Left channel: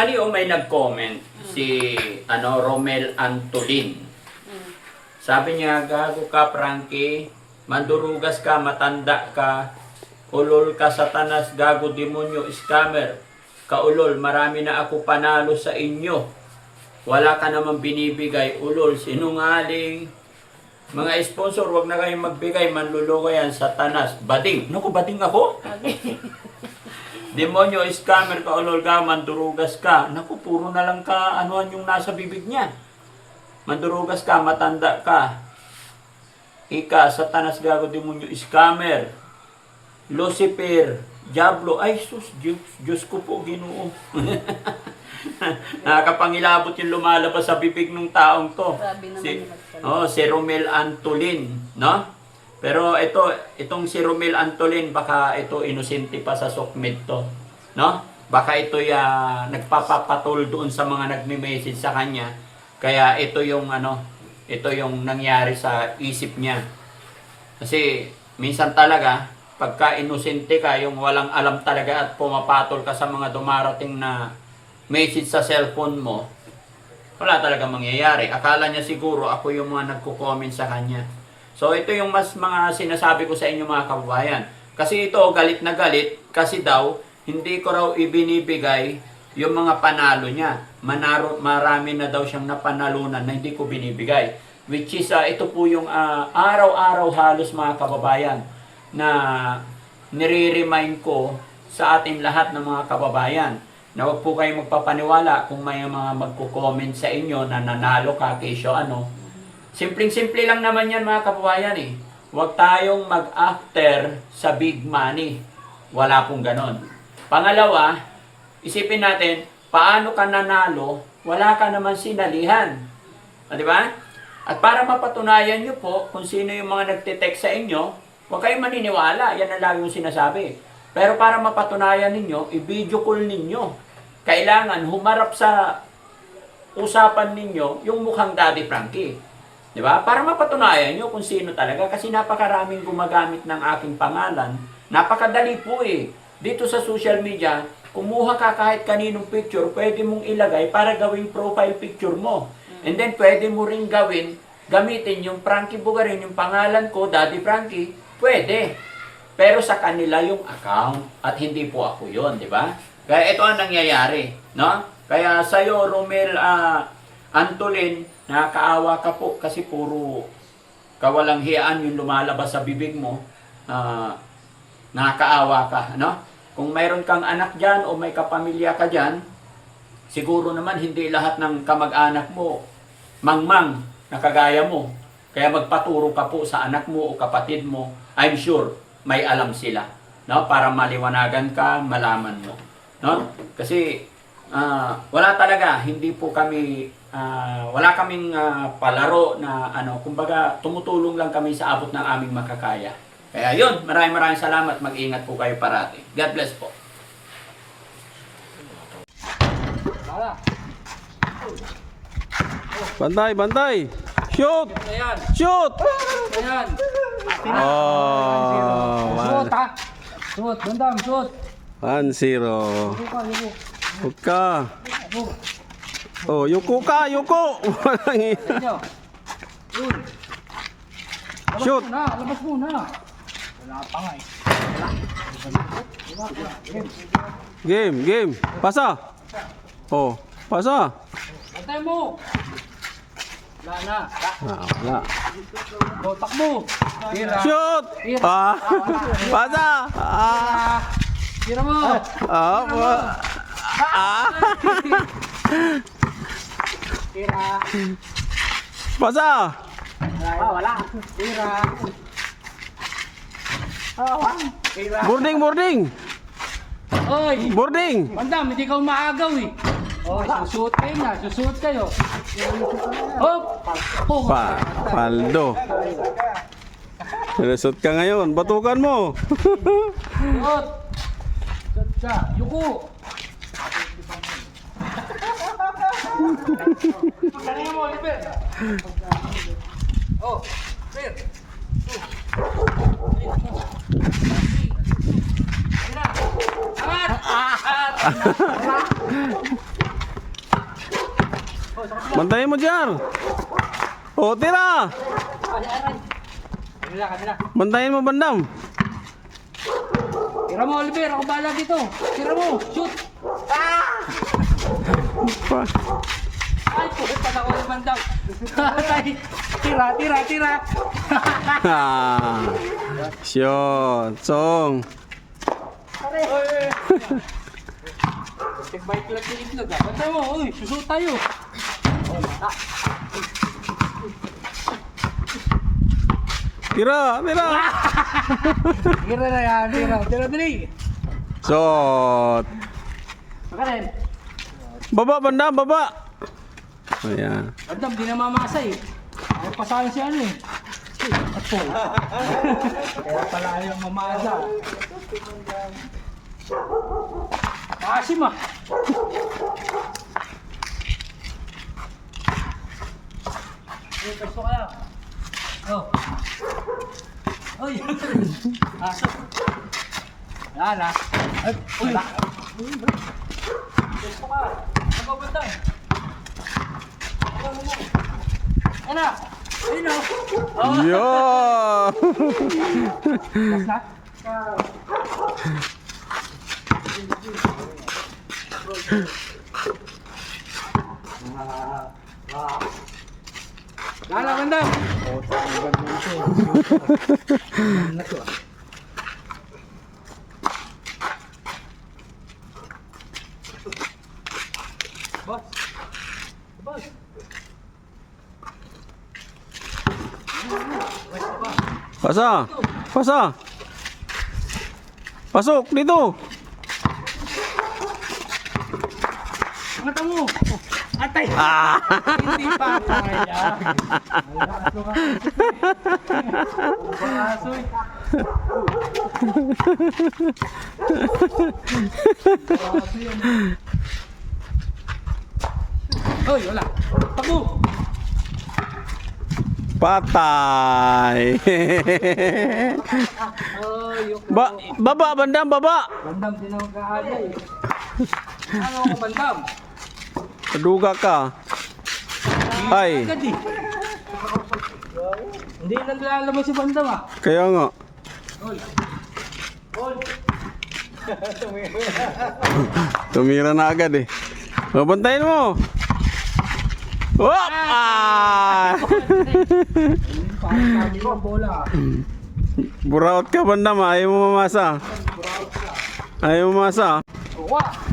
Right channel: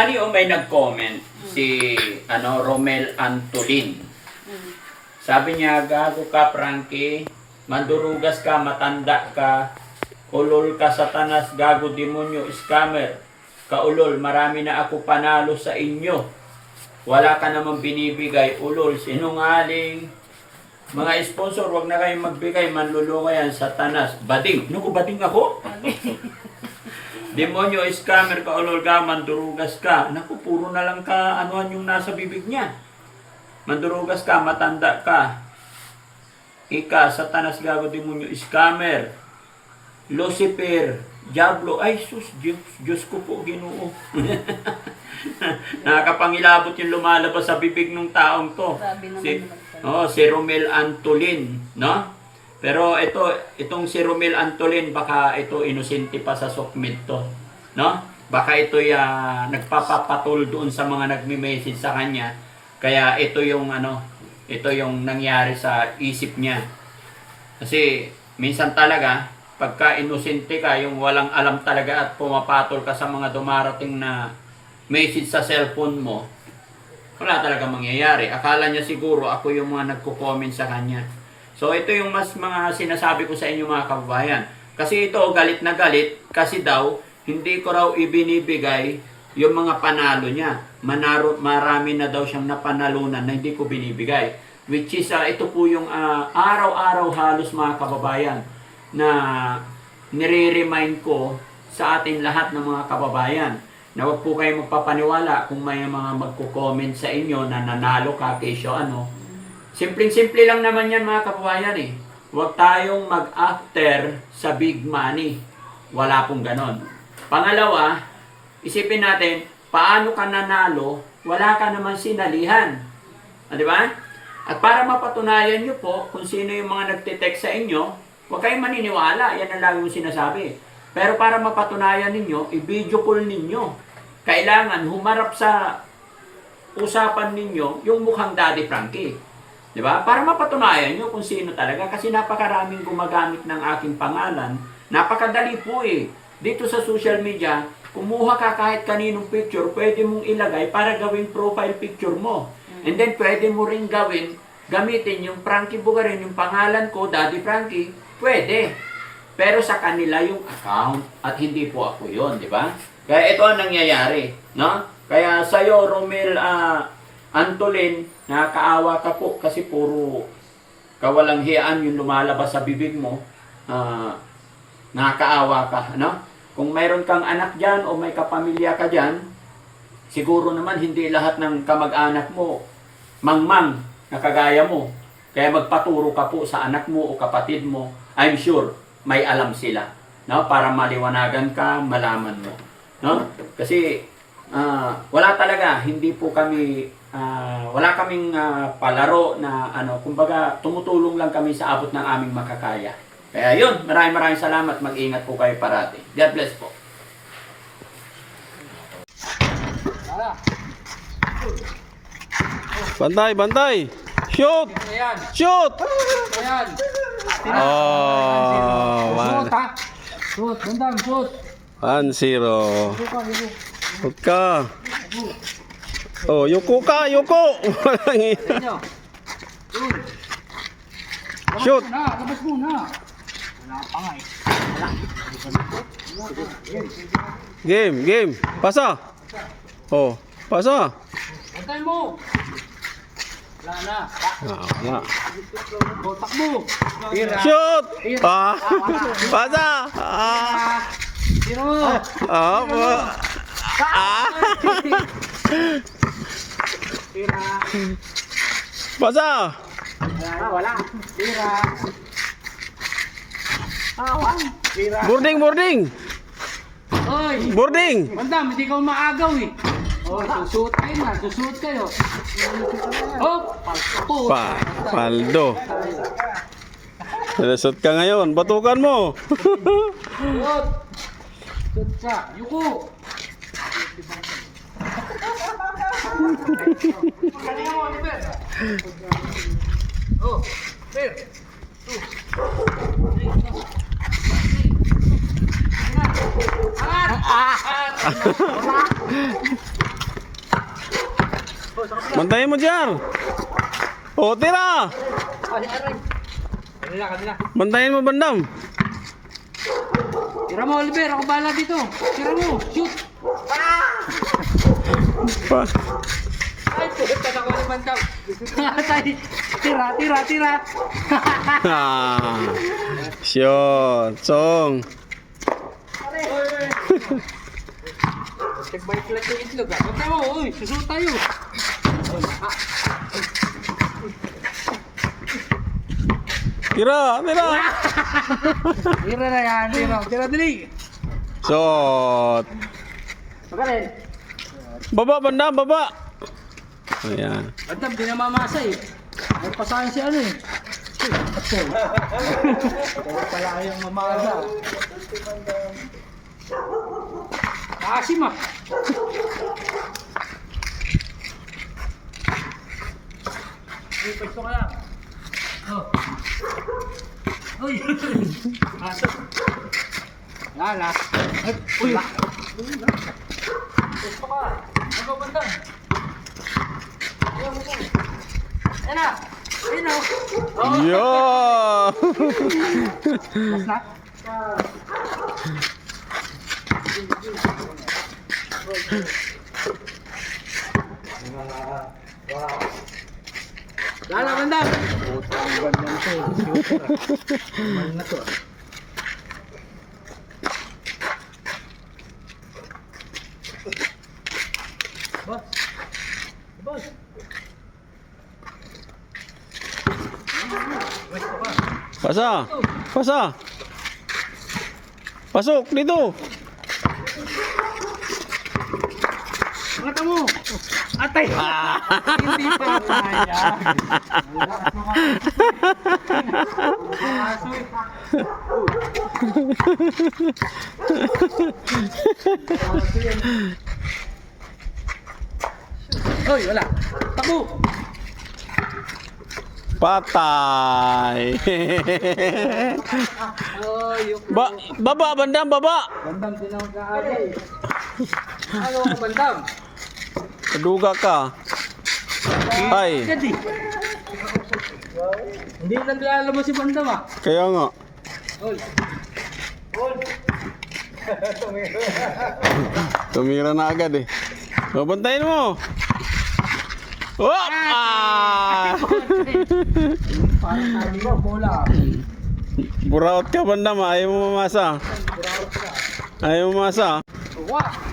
Ano may nag-comment si Romel Antolin. Sabi niya, gago ka Frankie, mandurugas ka, matanda ka, ulol ka satanas, gago demonyo, scammer. Kaulol, marami na ako panalo sa inyo. Wala ka namang binibigay, ulol, sinungaling. Mga sponsor, wag na kayong magbigay, manluluwa yan, satanas. Bading. Naku, bading ako? Demonyo, scammer, kaulol ka, mandurugas ka. Naku, puro na lang ka, anuan yung nasa bibig niya. Mandurugas ka, matanda ka. Ika, satanas, gago, demonyo, scammer. Lucifer, Diablo, ay sus, Diyos ko po, Ginoo. Nakakapangilabot yung lumalabas sa bibig ng taong to. Si Romel Antolin, no? Pero itong si Romel Antolin, baka ito inosente pa sa sukmit to, no? Baka ito nagpapapatol doon sa mga nagme-message sa kanya. Kaya ito yung nangyari sa isip niya. Kasi minsan talaga pagka inosente ka, yung walang alam talaga at pumapatol ka sa mga dumarating na message sa cellphone mo, wala talaga mangyayari. Akala niya siguro ako yung mga nagko-comment sa kanya. So ito yung mga sinasabi ko sa inyo mga kababayan. Kasi ito galit na galit kasi daw hindi ko raw ibinibigay yung mga panalo niya. Marami na daw siyang napanalunan na hindi ko binibigay. Which is ito po yung araw-araw halos mga kababayan na nire-remind ko sa atin lahat ng mga kababayan na huwag po kayo magpapaniwala kung may mga magko-comment sa inyo na nanalo ka kesyo Simpleng-simple lang naman yan mga kababayan eh. Huwag tayong mag-after sa big money. Wala pong ganon. Pangalawa, isipin natin, paano ka nanalo, wala ka naman sinalihan. Di ba? At para mapatunayan nyo po kung sino yung mga nagtitext sa inyo, huwag kayong maniniwala. Yan ang lagi yung sinasabi. Pero para mapatunayan ninyo, i-video call ninyo. Kailangan humarap sa usapan ninyo yung mukhang Daddy Frankie. Di ba? Para mapatunayan nyo kung sino talaga. Kasi napakaraming gumagamit ng aking pangalan. Napakadali po eh. Dito sa social media, kumuha ka kahit kaninong picture, pwede mong ilagay para gawing profile picture mo. And then pwede mo ring gamitin yung Frankie Bugarin, yung pangalan ko, Daddy Frankie, pwede. Pero sa kanila yung account at hindi po ako yon, di ba? Kaya ito ang nangyayari, no? Kaya sa'yo, Romel Antolin, nakakaawa ka po kasi puro kawalang hiyaan yung lumalabas sa bibig mo. Nakakaawa ka, no? Kung mayroon kang anak dyan o may kapamilya ka dyan, siguro naman hindi lahat ng kamag-anak mo mangmang na kagaya mo. Kaya magpaturo ka po sa anak mo o kapatid mo. I'm sure may alam sila, no? Para maliwanagan ka, malaman mo, no? Kasi wala talaga, hindi po kami wala kaming palaro na kumbaga tumutulong lang kami sa abot ng aming makakaya. Kaya yun, maraming salamat. Mag-ingat po kayo parati. God bless po. Bantay, bantay. Shoot! Shoot! Ayan. Oh, Shoot, bandang, shoot. 1-0. Huwag ka. Oh, yuko ka, yuko. Walang iya. Shoot! Labas muna. Wala pa nga eh. Game. Pasa. Oh, pasa. Bantay mo. Wala na. Wala. Botak mo. Tira. Shoot! Pasa! Tira mo. Tira. Pasa! Wala. Tira. Tira. Boarding! Oy. Boarding! Bandam, hindi ka umaagaw eh. Oh, susuot kayo na. Susuot kayo. Hop! Paldo. Nalasot ka ngayon. Batukan mo. Suot! Suot ka. Yuko! Oh, Fer! Angat! Bantayin mo dyan. O, tira. Ay, aray. Kanila. Bantayin mo, bandam. Tira mo, Oliver. Ako bahala dito. Tira mo. Shoot. Pa. Ay, pulit pa ako naman daw. Tira. Ah. Shot. Song. Nagbait lang sa itlog. Bantay mo. Uy, susut tayo. Tira. Tira na yan. Tira dali. Shot. Magaling. Baba, bandam, baba. Ayan. Bandam, di na mamasa eh. Ay, pasahin si ano eh. Apol. Kaya pala yung mamasa. Nakasim ah. Uy, pwesto ka lang. Oh. Uy. Aso. Yan ah. Ay, uy. Pwesto ka. Ano ba bandam? Ayan na! Ayun na! Oh! Yo. Mas na? Lala, mandam! Boss! Boss! Pasa. Pasok dito. Mata mo! Atay! Hindi pa kaya! Basoy! Hoy, wala! Tapo! Patay. Oh, yung... Baba, bandam, baba. Bandam din ang mag-aalay. Ano ang bandam? Kaduga ka. Ay, Agad eh. Hindi naglalabas si bandam ah. kaya nga. Hol. Hol. Tumira na agad eh. O, bantayin mo. Oh! Ah! Bola. Buraot ka bandam, ayaw mo mamasa. Ayaw mo mamasa. Wah!